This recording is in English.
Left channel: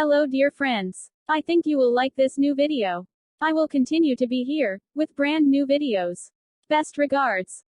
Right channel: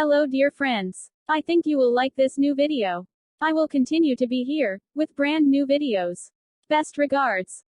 Hello dear friends. I think you will like this new video. I will continue to be here, with brand new videos. Best regards.